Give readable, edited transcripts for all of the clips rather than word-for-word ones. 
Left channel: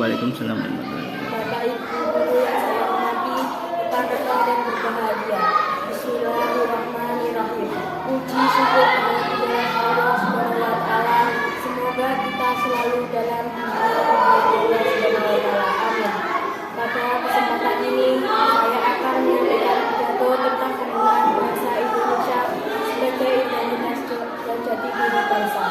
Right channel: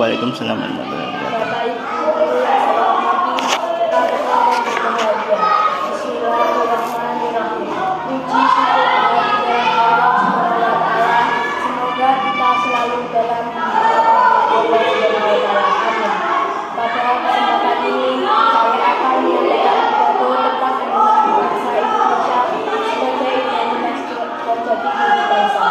Waalaikumsalam warahmatullahi wabarakatuh. Bapak Ibu guru yang saya hormati, rekan-rekan dan berbahagia. Bismillahirrahmanirrahim. Puji syukur kehadiran Allah Subhanahu wa Ta'ala. Semoga kita selalu dalam lindungan Allah Subhanahu wa Ta'ala. Amin. Pada kesempatan ini saya akan menyampaikan pidato tentang penggunaan bahasa Indonesia sebagai identitas dan jati diri bangsa.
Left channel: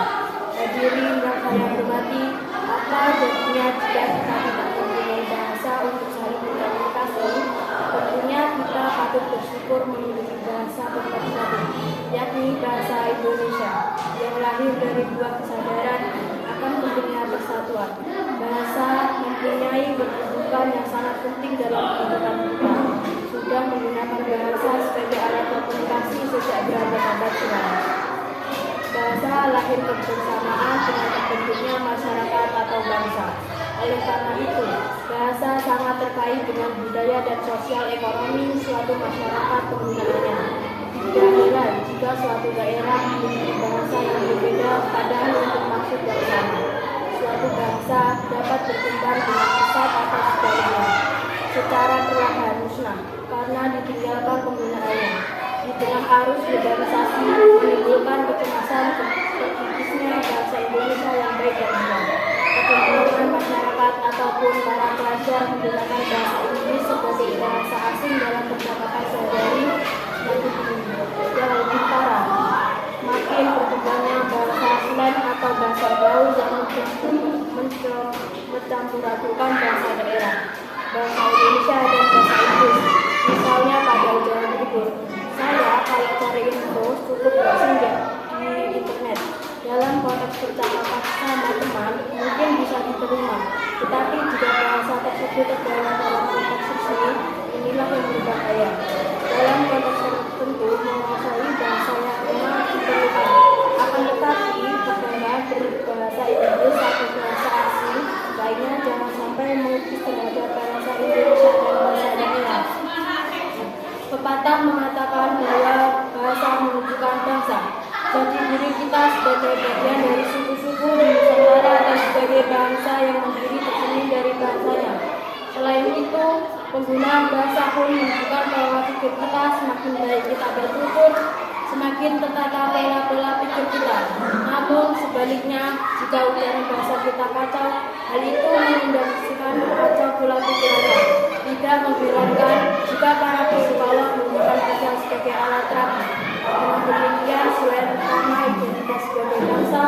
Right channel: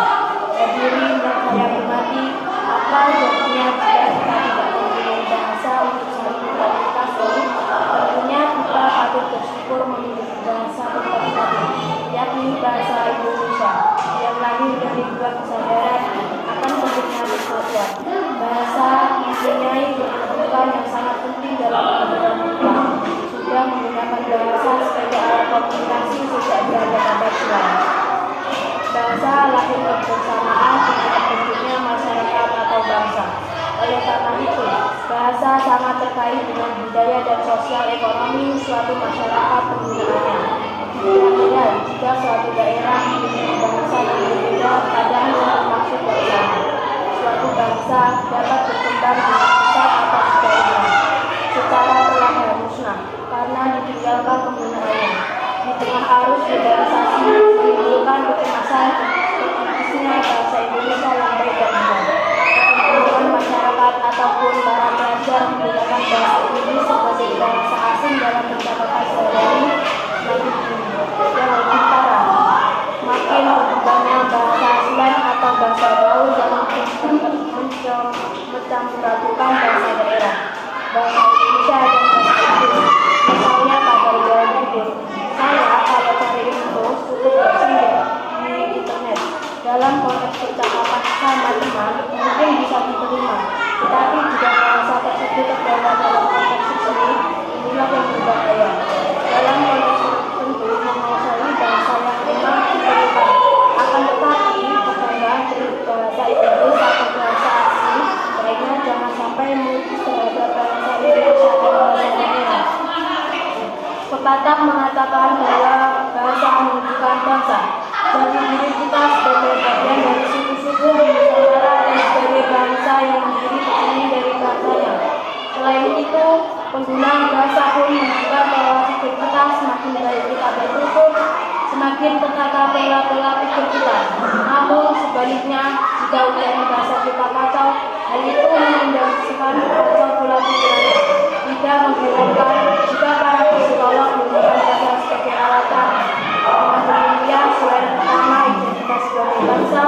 Hadirin yang saya hormati, apa jadinya jika kita tidak mempunyai bahasa untuk saling berkomunikasi? Tentunya kita patut bersyukur memiliki bahasa berkomunikasi, yakni bahasa Indonesia, yang lahir dari dua kesadaran akan pentingnya persatuan. Bahasa mempunyai kedudukan yang sangat penting dalam kehidupan kita. Sudah menggunakan bahasa sebagai alat komunikasi sejak berabad-abad silam. Bahasa lahir kebersamaan dengan terbentuknya masyarakat atau bangsa. Oleh karena itu, bahasa sangat terkait dengan budaya dan sosial ekonomi suatu masyarakat penggunaannya. Tidak heran jika suatu daerah memiliki bahasa yang berbeda padahal untuk maksud yang sama. Suatu bangsa dapat berkembang dengan pesat atau sebaliknya, secara perlahan musnah karena ditinggalkan penggunaannya. Di tengah arus globalisasi menimbulkan kecemasan terputusnya bahasa Indonesia yang baik dan benar. Kecenderungan masyarakat ataupun para pelajar menggunakan bahasa Inggris sebagai bahasa asing dalam percakapan sehari-hari makin tinggi. Yang lebih parah, makin berkembangnya bahasa slang atau bahasa gaul yang mencampur-adukan bahasa daerah, bahasa Indonesia dan bahasa Inggris. Misalnya pada Jawa Timur, saya kalau cari info cukup browsing di internet. Dalam konteks percakapan sama teman mungkin bisa diterima, tetapi jika bahasa tersebut terbawa dalam konteks seni, inilah yang berbahaya. Dalam konteks tertentu menguasai bahasa yang memang diperlukan. Akan tetapi kebanggaan berbahasa Inggris atau bahasa asing baiknya jangan sampai melukis terhadap bahasa Indonesia dan bahasa daerah. Pepatah mengatakan bahwa bahasa menunjukkan bangsa. Jati diri kita sebagai bagian dari suku-suku Nusantara dan sebagai bangsa yang berdiri terdiri dari bahasanya. Selain itu, penggunaan bahasa pun menunjukkan bahwa pikir kita semakin baik kita bertutur, semakin tertata pola-pola pikir kita. Namun sebaliknya, jika ujian bahasa kita kacau, hal itu mengindikasikan kacau pola pikirannya. Tidak mengherankan jika para psikolog menggunakan bahasa sebagai alat dengan demikian selain pertama identitas sebagai bangsa,